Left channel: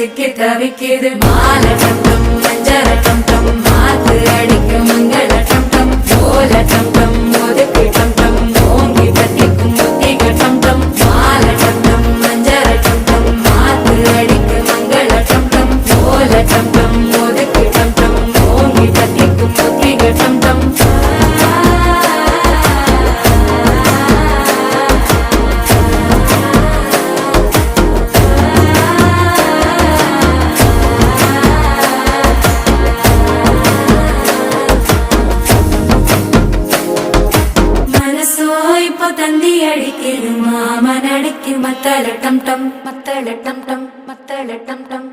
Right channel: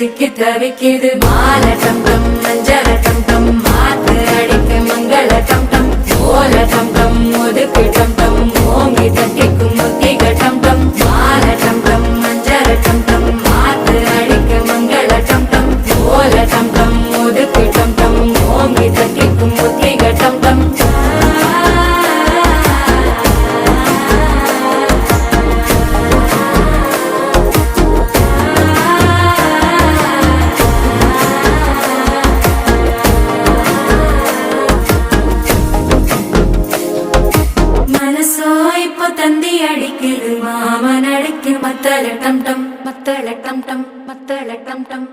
சிக்கி தவிக்குது மாலை டம் டம் மஞ்சள டம் டம் மாத்து அடிக்க மங்கள டம் டம் ஓல டம் டம் ஒதுக்கு டம் டம் ஓங்கி தட்டிக்கும் முத்திக டம் டம் மாலை டம் டம் மஞ்சள டம் டம் மாத்து அடிக்க மங்கள டம் டம் ஓல டம் டம் ஒதுக்கு டம் டம் ஓங்கி தட்டிக்கும் முத்திக டம் டம் தந்தி அடிக்குது மாமன் அடிக்கு மத்தள டம் டம் மத்தள டம் டம் மத்தள டம் டம்